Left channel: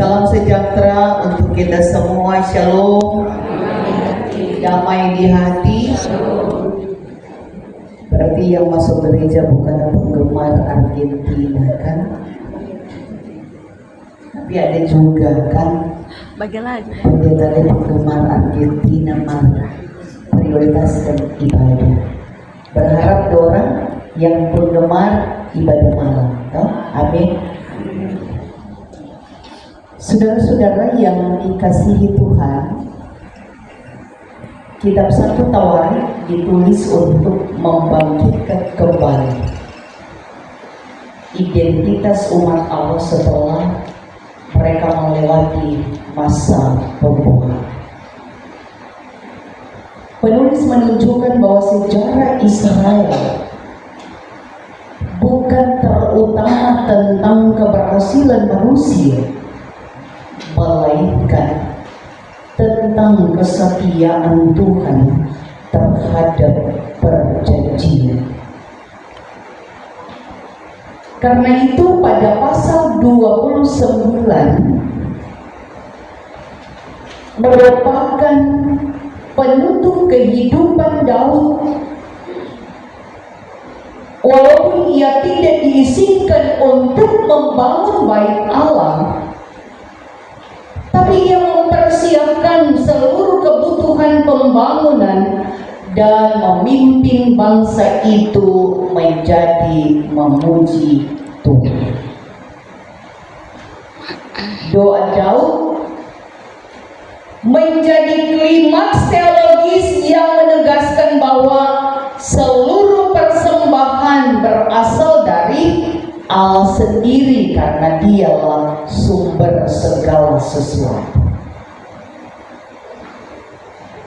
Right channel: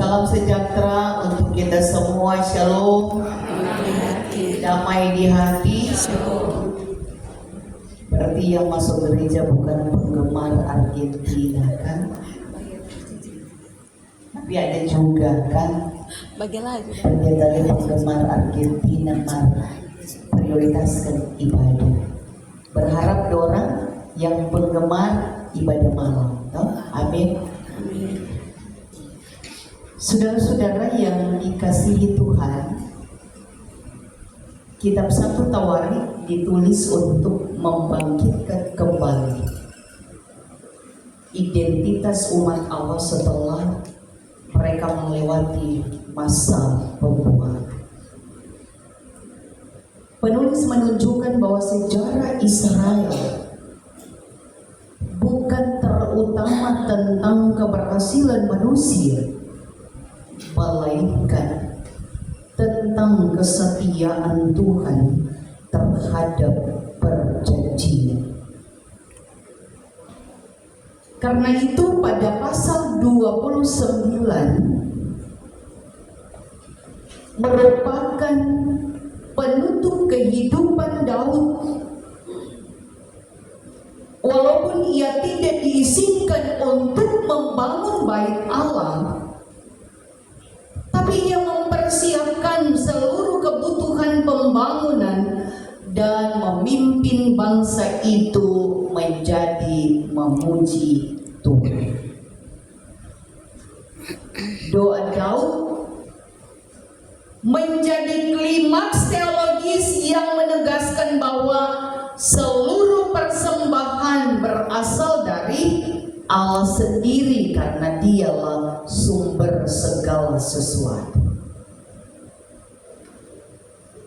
Salam sejahtera untuk kita semua. Shalom. Damai di hati. Berarti yang masuk gereja bukan penggemar Argentina kan? Tapi ada juga kan? Pendeta penggemar Argentina marah. Prioritaskan ibadah. Berharap orang yang penggemar ibadah malam. Amin. Saudara-saudara yang dikasihi Tuhan, kitab 1 Tawarik ditulis untuk membangkitkan kembali identitas umat Allah setelah mereka melewati masa pembuangan. Penulis menunjukkan bahwa sejarah Israel bukan terutama tentang keberhasilan manusia, melainkan tentang kesetiaan Tuhan terhadap perjanjian. Karena itu pada pasal 29 merupakan penutup kehidupan Daud. Walaupun ia tidak diizinkan untuk membangun bait Allah, tapi ia mempersiapkan seluruh kebutuhan pembangunan dan memimpin bangsa itu menjadi memuji Tuhan. Doa Daud menjadi klimaks teologis yang menegaskan bahwa seluruh persembahan berasal dari Allah sendiri karena dialah sumber segala sesuatu.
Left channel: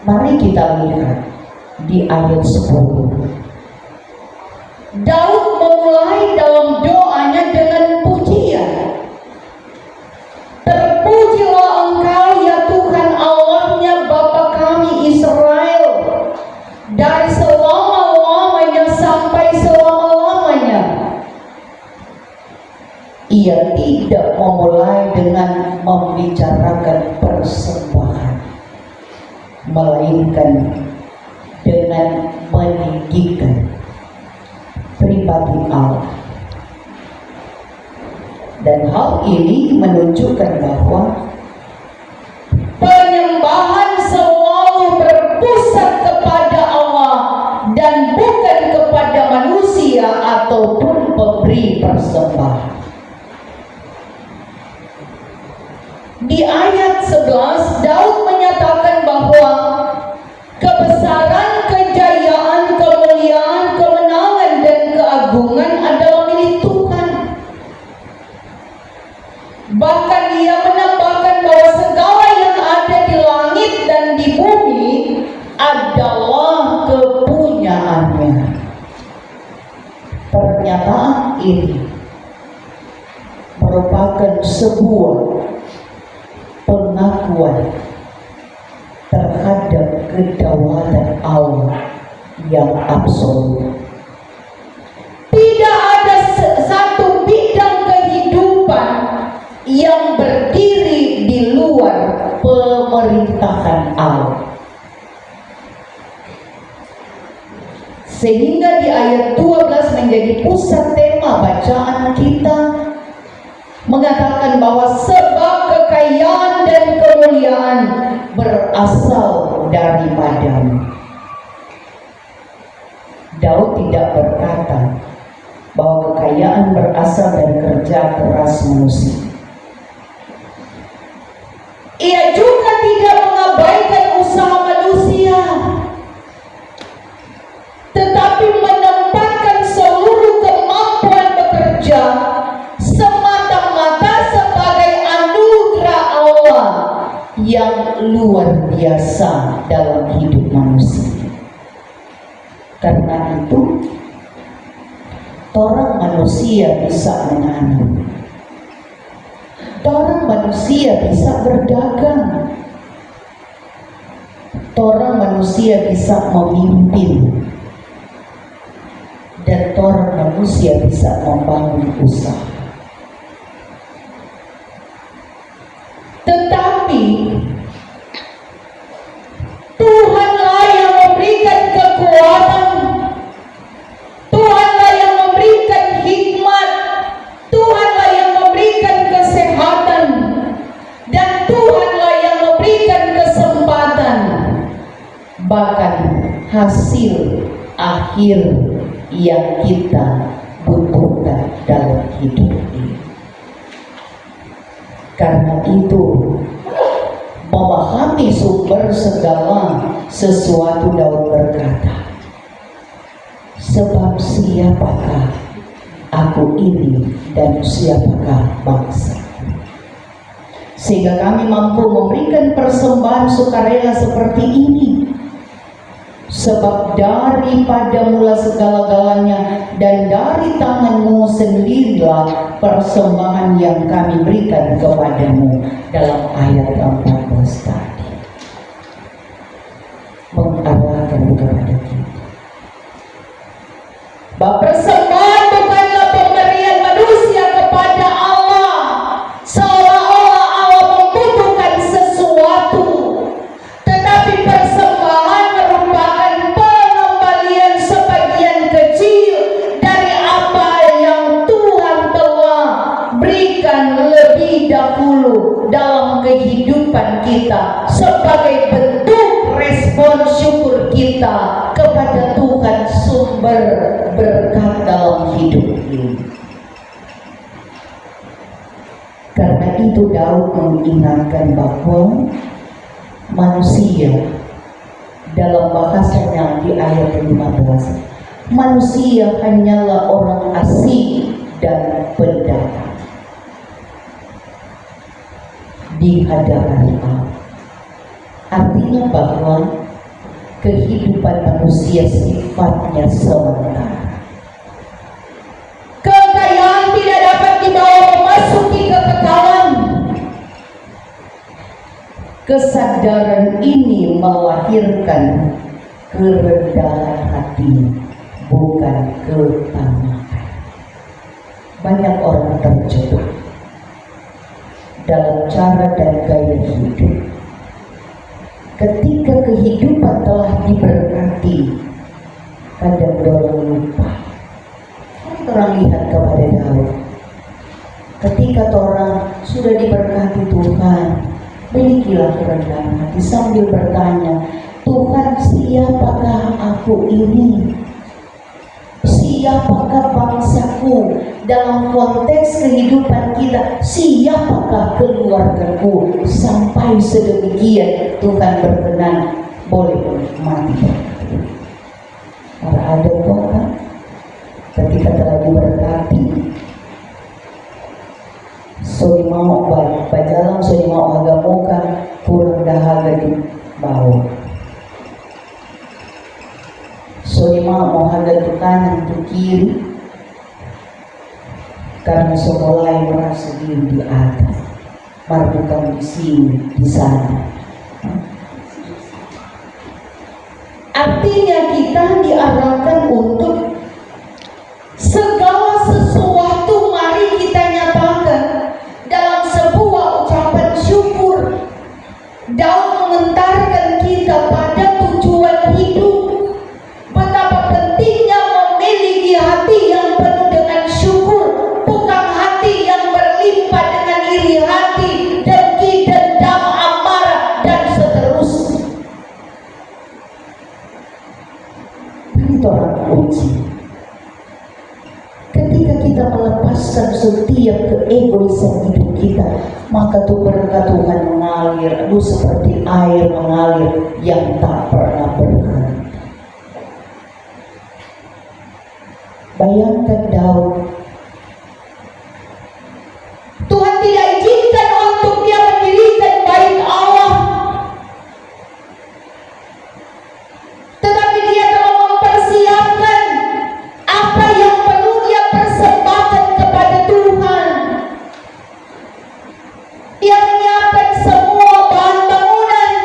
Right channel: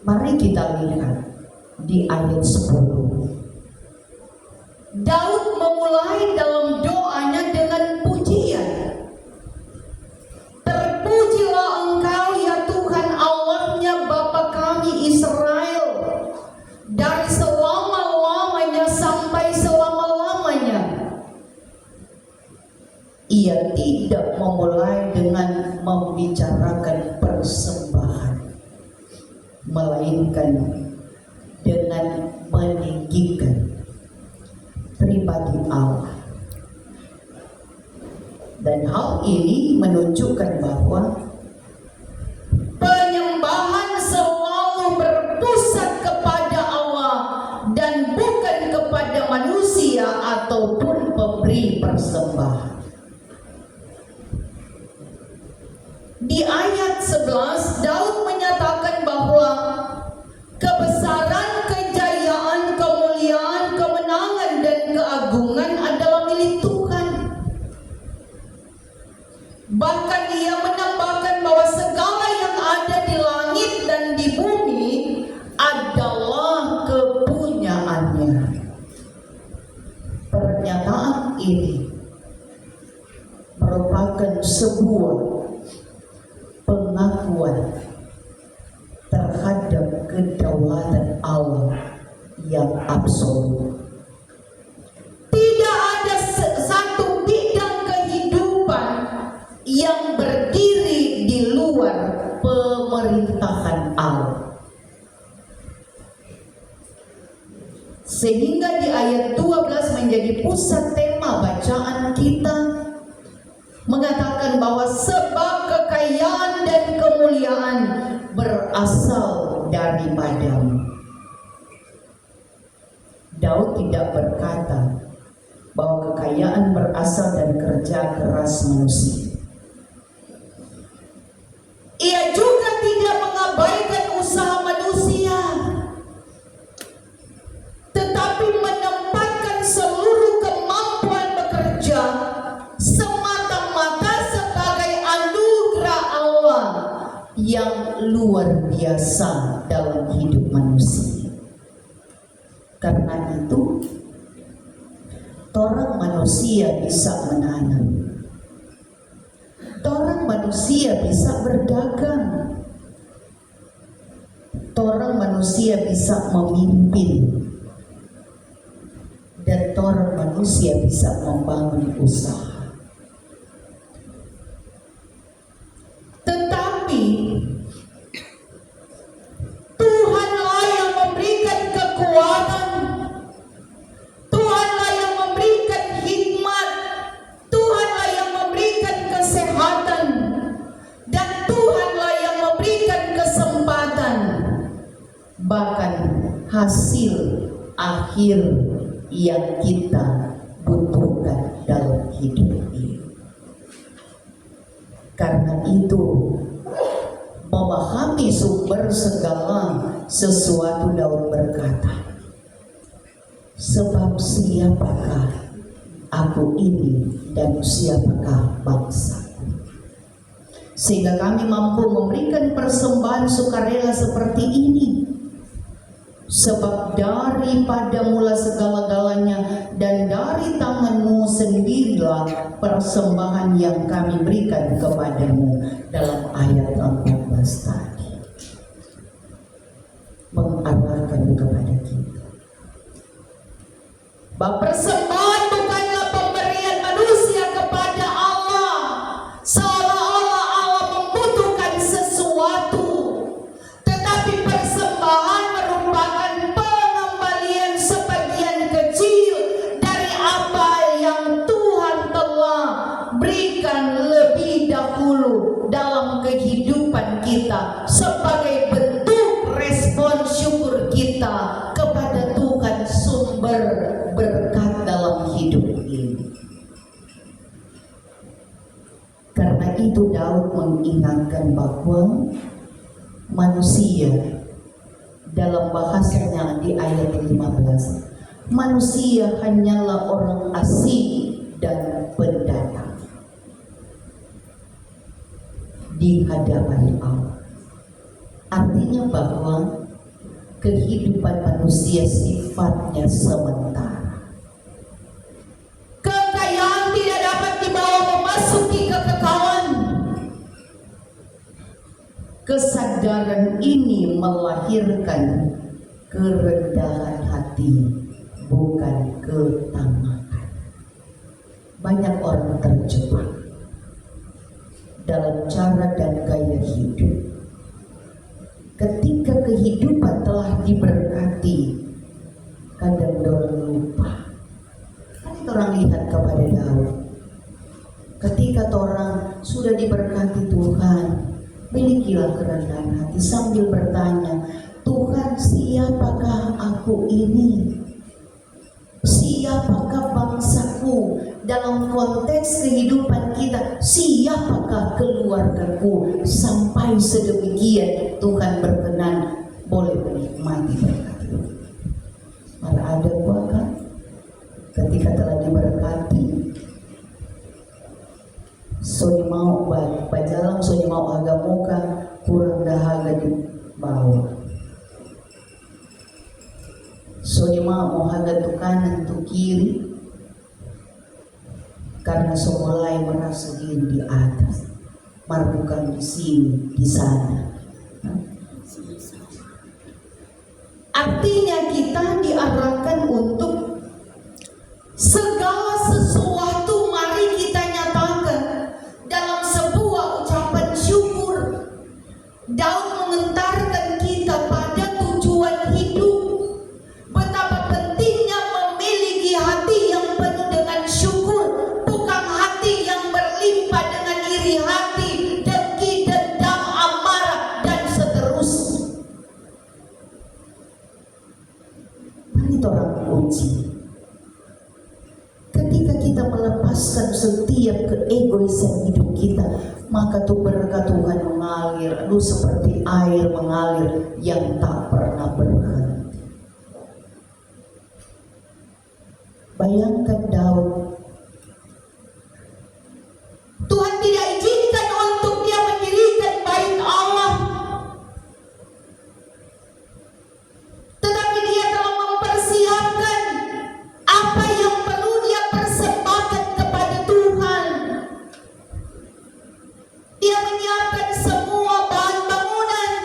Mari kita lihat di ayat 10. Daud memulai dalam doanya dengan pujian. Terpujilah Engkau ya Tuhan Allahnya Bapa kami Israel, dari selama-lamanya sampai selama-lamanya. Ia tidak memulai dengan membicarakan persembahan, melainkan dengan meninggikan pribadi Allah. Dan hal ini menunjukkan bahwa penyembahan selalu berpusat kepada Allah dan bukan kepada manusia ataupun pemberi persembahan. Di ayat 11 Daud menyatakan bahwa kebesaran, kejayaan, kemuliaan, kemenangan dan keagungan adalah milik Tuhan. Bahkan ia menambahkan bahwa segala yang ada di langit dan di bumi adalah kepunyaannya. Pernyataan ini merupakan sebuah pengakuan terhadap kedaulatan Allah yang absolut. Tidak ada satu bidang kehidupan yang berdiri di luar pemerintahan Allah. Sehingga di ayat 12 menjadi pusat tema bacaan kita, mengatakan bahwa sebab kekayaan dan kemuliaan berasal daripadamu. Daud tidak berkata bahwa kekayaan berasal dari kerja keras manusia. Ia juga tidak mengabaikan usaha manusia, tetapi menempatkan seluruh kemampuan bekerja semata-mata sebagai anugerah Allah yang luar biasa dalam hidup manusia. Karena itu, orang manusia bisa menanam, orang manusia bisa berdagang, orang manusia bisa memimpin, dan orang manusia bisa membangun usaha. terakhir yang kita butuhkan dalam hidup ini. Karena itu, memahami sumber segala sesuatu, Daud berkata, sebab siapakah aku ini dan siapakah bangsa? Sehingga kami mampu memberikan persembahan sukarela seperti ini. Sebab daripada mula segala-galanya dan dari tanganmu sendirilah persembahan yang kami berikan kepadamu, dalam ayat 14 tadi. Mengarahkan kepada kita. Bahwa persembahan bukanlah pemberian manusia kepada Allah, seolah-olah Allah membutuhkan sesuatu. Tetapi persembahan merupakan pengembalian sebagian kecil dari apa yang Tuhan telah berikan lebih dahulu dalam kehidupan kita, sebagai bentuk respon syukur kita kepada Tuhan, sumber berkat dalam hidup ini. Karena itu Daud mengingatkan bahwa manusia, dalam bahasanya di ayat 15, manusia hanyalah orang asing dan pendatang di hadapan Allah. Artinya bahwa kehidupan manusia sifatnya sementara. Kekayaan tidak dapat dibawa memasuki kekekalan. Kesadaran ini melahirkan kerendahan hati, bukan ketamakan. Banyak orang terjebak dalam cara dan gaya hidup. Ketika kehidupan telah diberkati, kadang orang lupa. Orang lihat kepada Daud. Ketika orang sudah diberkati Tuhan, milikilah kerendahan hati sambil bertanya, Tuhan, siapakah aku ini? Siapakah bangsaku? Dalam konteks kehidupan kita, siapakah keluargaku? Sampai sedemikian Tuhan berkenan boleh menikmati. Para ada Tuhan ketika telah diberkati, so di mau bajalang, so di mau agak muka, kurang dahaga di bawah. So di mau harga tu kanan tu kiri, karena mulai merasa diri di atas, bukan di sini, di sana. Artinya kita diarahkan untuk segala sesuatu mari kita nyatakan dalam sebuah ucapan syukur. Daud mengantarkan kita pada tujuan hidup. Betapa pentingnya memiliki hati yang penuh dengan syukur, bukan hati yang berlimpah dengan iri hati, dengki, dendam, amarah, dan seterusnya. Ini orang uji. Ketika kita melepaskan setiap keegoisan hidup kita, maka tuh berkat Tuhan mengalir, seperti air mengalir yang tak pernah berhenti. Bayangkan Daud, Tuhan tidak izinkan untuk dia mendirikan bait Allah, tetapi dia telah mempersiapkan apa yang perlu dia persembahkan kepada Tuhan. Dia menyiapkan semua bahan bangunan,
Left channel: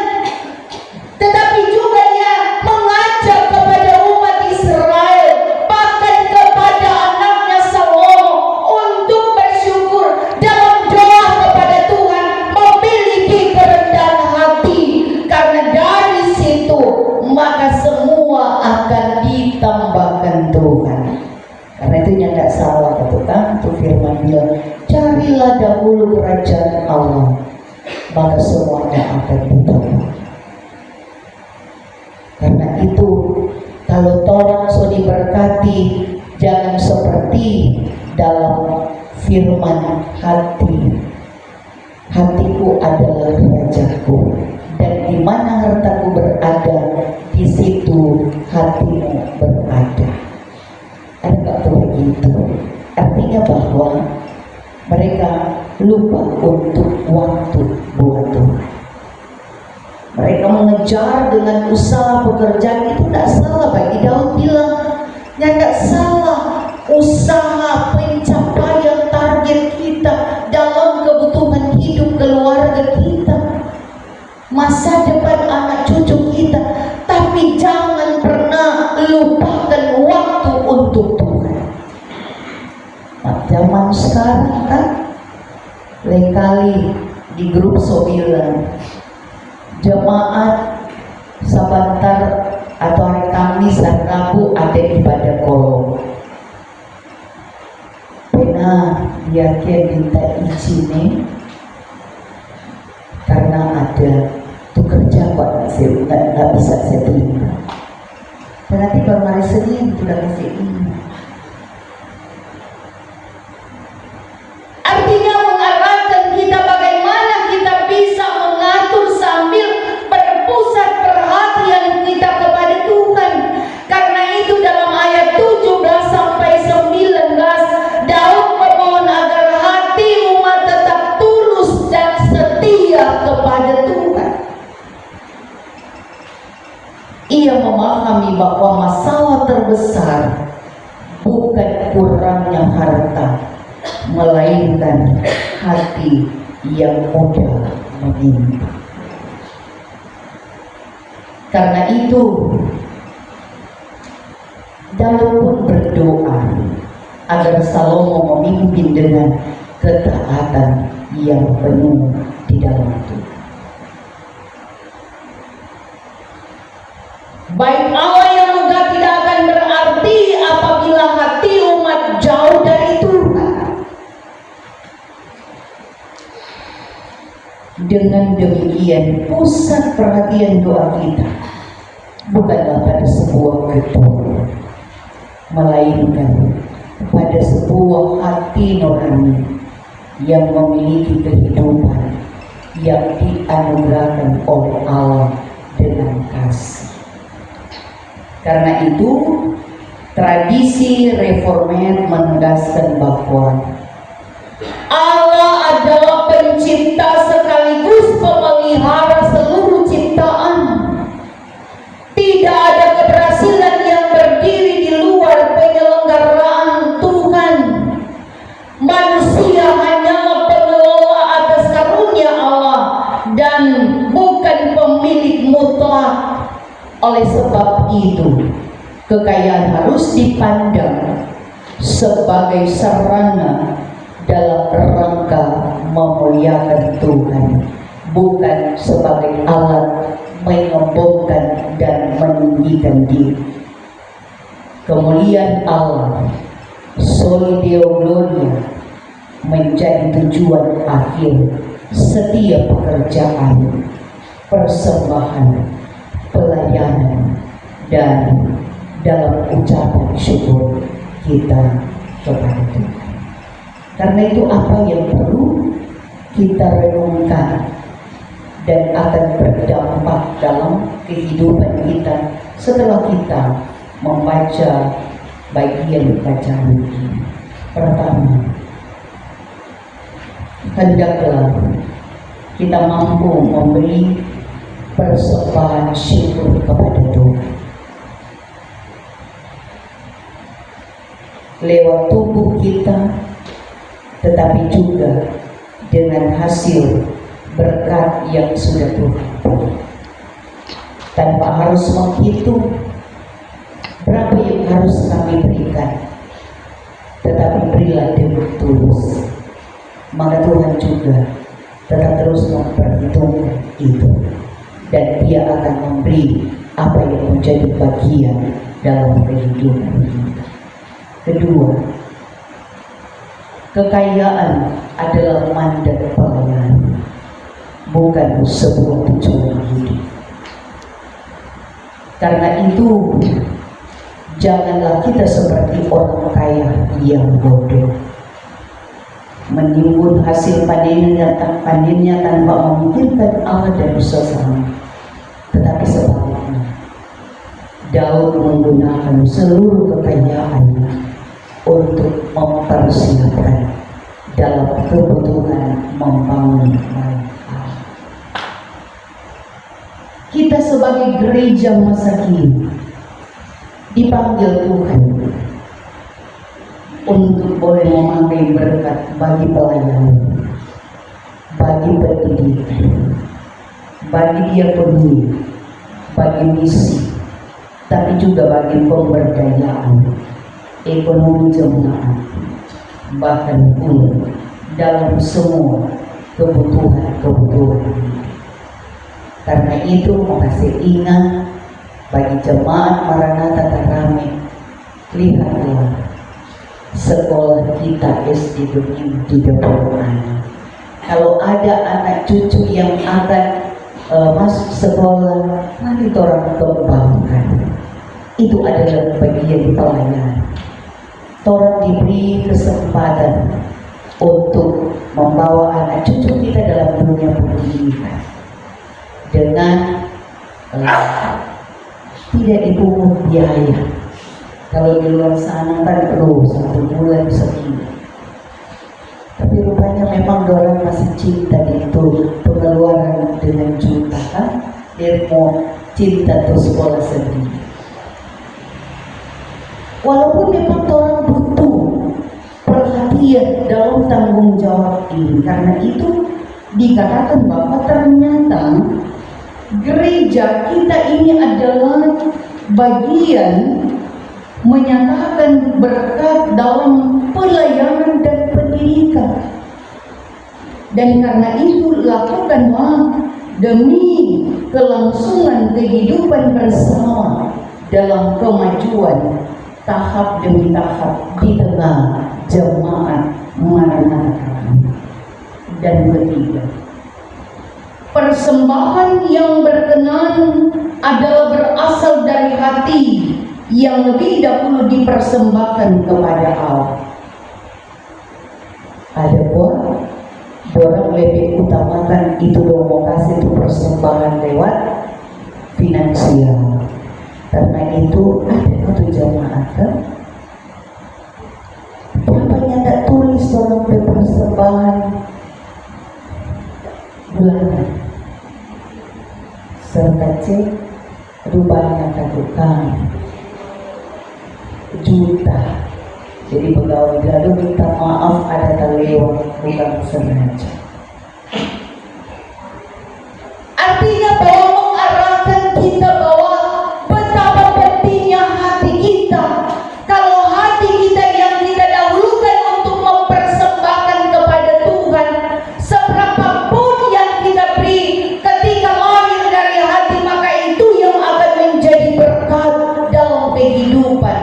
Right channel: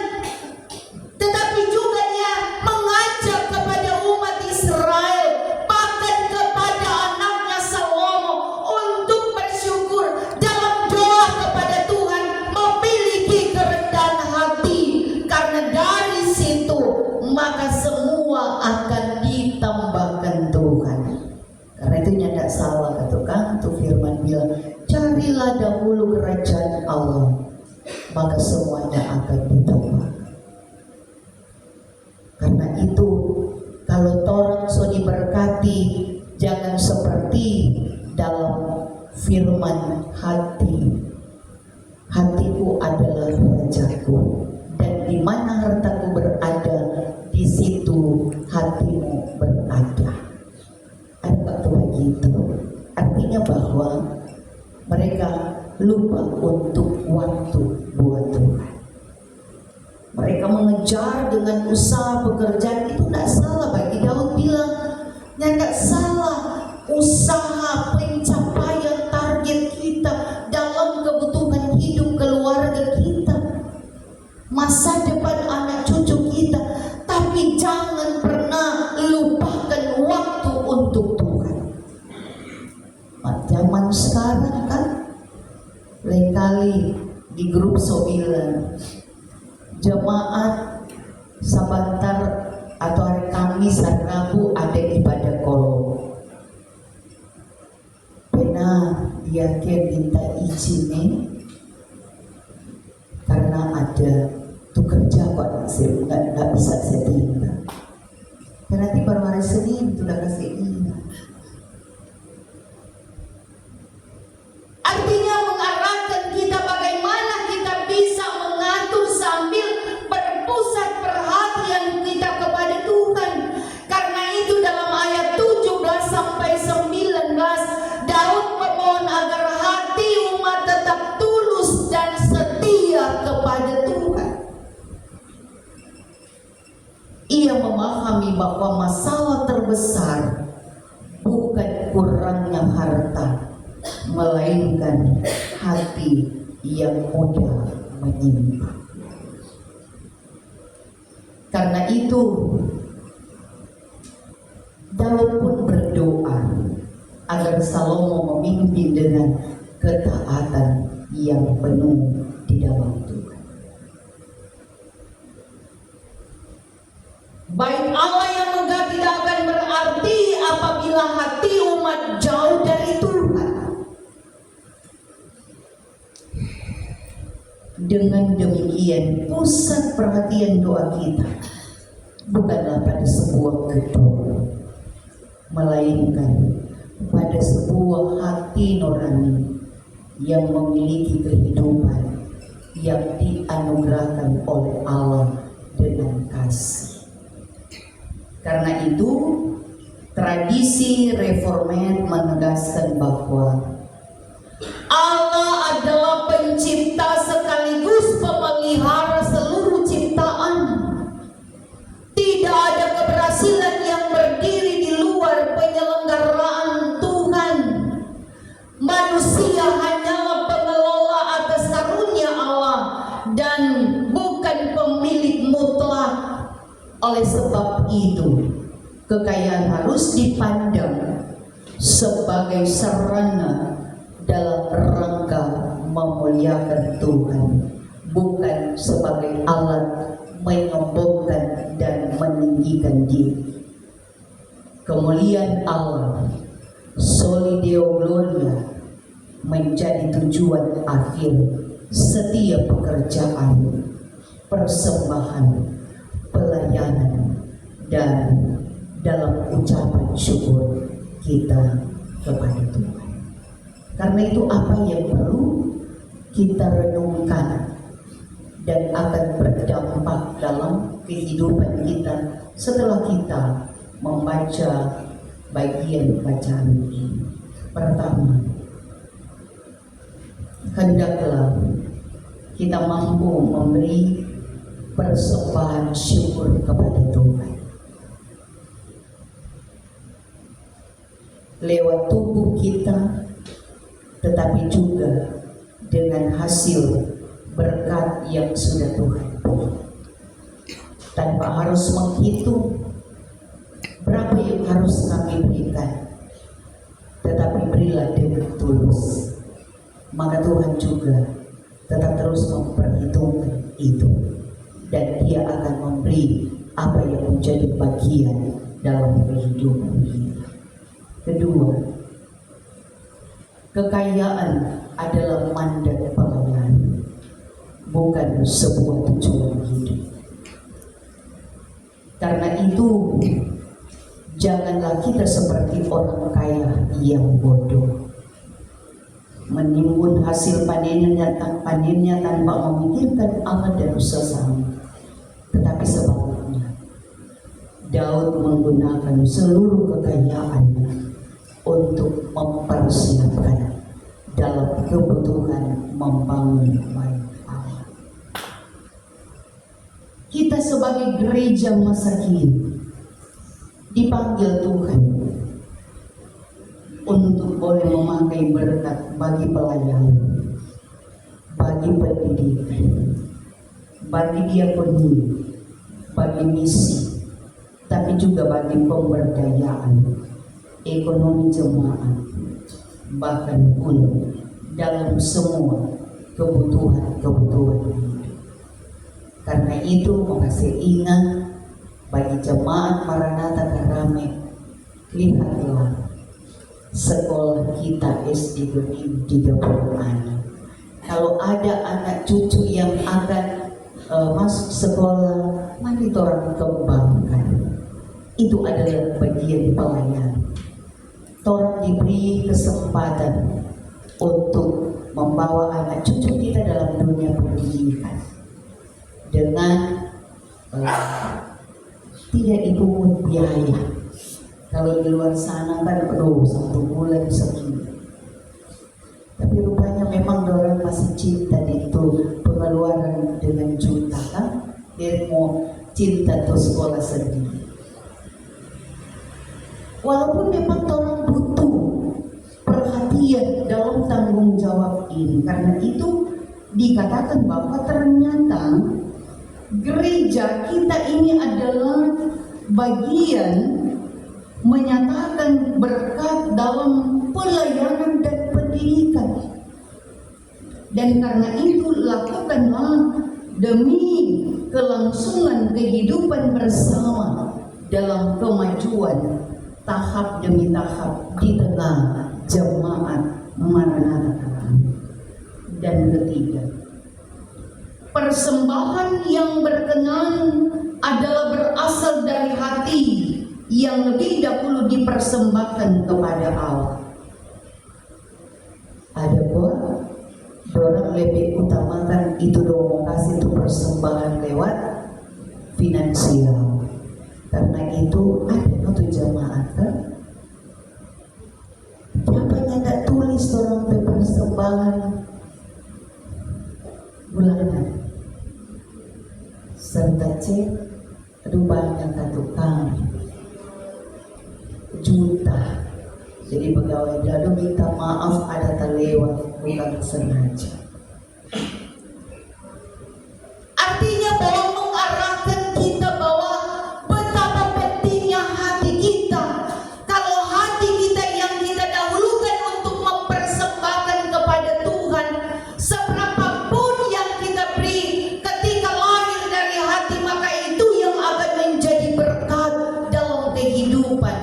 tetapi juga dia mengajak kepada umat Israel, bahkan kepada anaknya Salomo, untuk bersyukur dalam doa kepada Tuhan, memiliki kerendahan hati, karena dari situ maka semua akan ditambahkan Tuhan. Karena itu tidak salah kan, tuh firman bilang, carilah dahulu kerajaan Allah, maka semuanya akan ditambah. Karena itu kalau orang so seperti dalam firman hati, hatiku adalah rajaku, dan di mana hartaku berada, di situ hatimu berada. Ada nggak tuh begitu? Artinya bahwa mereka lupa untuk waktu buat Tuhan. Mereka mengejar dengan usaha pekerjaan, itu tidak salah. Bagi Daud bilang, ya tidak salah. Usaha pencapaian target kita dalam kebutuhan hidup keluarga kita, masa depan anak cucu kita, tapi jangan pernah lupakan waktu untuk Tuhan. Nah, zaman sekarang kan lain kali di grup Sobilan jemaat sebentar atau hari Kamis dan Rabu ada ibadah kolom. Pernah dia minta izin nih karena ada tuh kerja kok nggak bisa saya terima. Dan nanti baru hari Senin sudah kasih ini. Artinya mengarahkan kita bagaimana kita bisa mengatur sambil berpusat perhatian kita kepada Tuhan. Karena itu dalam ayat 17 sampai 19 Daud memohon agar hati umat tetap tulus dan setia kepada Tuhan. Ia memahami bahwa masalah terbesar bukan kurangnya harta, melainkan hati yang mudah menyimpan. Karena itu Daud pun berdoa agar Salomo memimpin dengan ketaatan yang penuh di dalam Tuhan. Baik Allah yang megah tidak akan berarti apabila hati umat jauh dari Tuhan. Dengan demikian, pusat perhatian doa kita bukanlah pada sebuah gedung, melainkan pada sebuah hati nurani yang memiliki kehidupan yang dianugerahkan oleh Allah dengan kasih. Karena itu, tradisi reformat menegaskan bahwa Allah adalah pencipta sekaligus pemelihara seluruh ciptaan. Tidak ada keberhasilan yang berdiri di luar penyelenggaraan Tuhan. Manusia hanyalah pengelola atas karunia Allah dan bukan pemilik mutlak. Oleh sebab itu, kekayaan harus dipandang sebagai sarana dalam rangka memuliakan Tuhan, bukan sebagai alat menyombongkan dan meninggikan diri. Kemuliaan Allah, soli Deo Gloria, menjadi tujuan akhir setiap pekerjaan, persembahan, pelayanan, dan dalam ucapan syukur kita kepada Tuhan. Karena itu apa yang perlu kita renungkan dan akan berdampak dalam kehidupan kita setelah kita membaca bagian bacaan ini. Pertama, hendaklah kita mampu memberi persembahan syukur kepada Tuhan lewat tubuh kita, tetapi juga dengan hasil berkat yang sudah Tuhan beri, tanpa harus menghitung berapa yang harus kami berikan, tetapi berilah dengan tulus, maka Tuhan juga tetap terus memperhitungkan itu, dan Dia akan memberi apa yang menjadi bagian dalam kehidupan kita. Kedua, kekayaan adalah mandat pelayanan, bukan sebuah tujuan hidup. Karena itu, Janganlah kita seperti orang kaya yang bodoh, menimbun hasil panennya tanpa memikirkan Allah dan sesama. Tetapi sebaliknya, Daud menggunakan seluruh kekayaannya untuk mempersiapkan dalam kebutuhan membangun bait Allah. Kita sebagai gereja masa kini dipanggil Tuhan untuk boleh memakai berkat bagi pelayanan, bagi pendidikan, bagi diakoni, bagi misi, tapi juga bagi pemberdayaan ekonomi jemaat, bahkan pun dalam semua kebutuhan. Karena itu mau kasih ingat bagi jemaat Maranatha Karame, lihatlah sekolah kita SD 2030 anak. Kalau ada anak cucu yang akan masuk sekolah, mari orang kembangkan. Itu adalah bagian pelayanan. Orang diberi kesempatan untuk membawa anak cucu kita dalam dunia pendidikan dengan tidak dipungut biaya. Kalau di luar sana kan perlu 1 bulan segini. Tapi rupanya memang orang masih cinta itu pengeluaran dengan juta kan? Dia mau cinta tuh sekolah sendiri. Walaupun memang orang butuh perhatian dalam tanggung jawab ini, karena itu dikatakan bahwa ternyata gereja kita ini adalah bagian menyatakan berkat dalam pelayanan dan pendidikan. Dan karena itu lakukanlah demi kelangsungan kehidupan bersama dalam kemajuan tahap demi tahap di tengah jemaat Maranatha. Dan ketiga, persembahan yang berkenan adalah berasal dari hati yang lebih dahulu dipersembahkan kepada Allah. Ada orang lebih utamakan itu mau kasih itu persembahan lewat finansial. Karena itu ada satu jemaat kan, bapaknya tak tulis orang persembahan bulanan serta cek rupanya katukan juta. Jadi pegawai lalu minta maaf ada terlewat, bukan sengaja. Artinya bahwa mengarahkan kita bahwa betapa pentingnya hati kita. Kalau hati kita yang kita dahulukan untuk mempersembahkan kepada Tuhan, seberapapun yang kita beri ketika lahir dari hati, maka itu yang akan menjadi berkat dalam kehidupan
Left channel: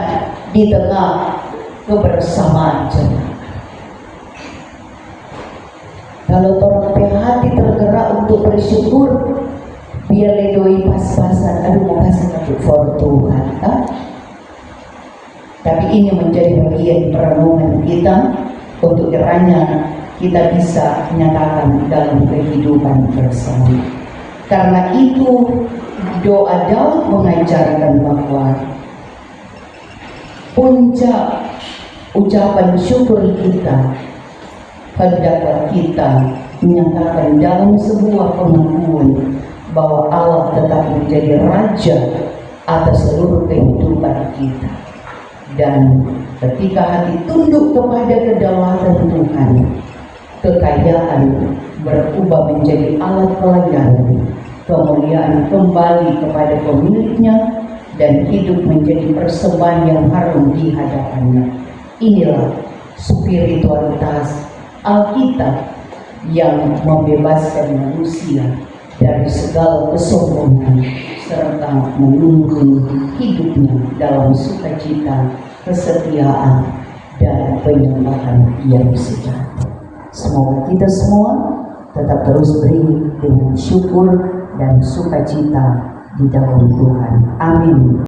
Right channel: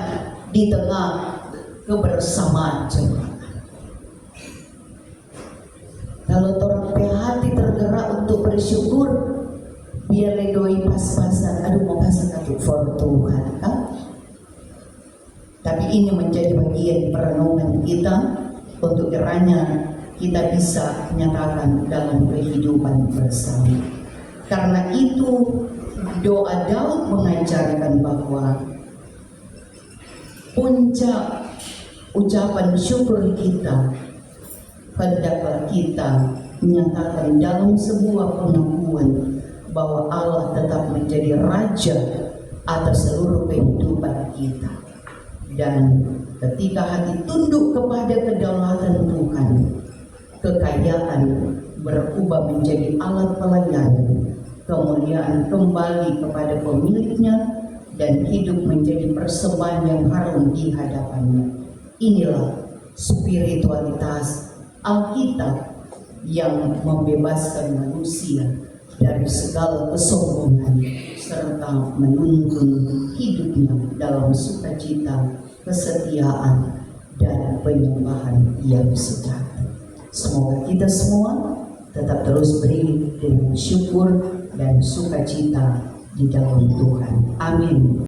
di tengah kebersamaan jemaat. Kalau orang hati tergerak untuk bersyukur, biar ledoi pas-pasan, aduh mau kasih for Tuhan kan? Tapi ini menjadi bagian perenungan kita untuk kiranya kita bisa nyatakan dalam kehidupan bersama. Karena itu doa Daud mengajarkan bahwa puncak ucapan syukur kita hendaklah kita menyatakan dalam sebuah pengakuan bahwa Allah tetap menjadi Raja atas seluruh kehidupan kita. Dan ketika hati tunduk kepada kedaulatan Tuhan, kekayaan berubah menjadi alat pelayanan, kemuliaan kembali kepada pemiliknya, dan hidup menjadi persembahan yang harum di hadapannya. Inilah spiritualitas Alkitab yang membebaskan manusia dari segala kesombongan serta menuntun hidupnya dalam sukacita, kesetiaan, dan penyembahan yang sejati. Semoga kita semua tetap terus beri dengan syukur dan sukacita di dalam Tuhan. Amin.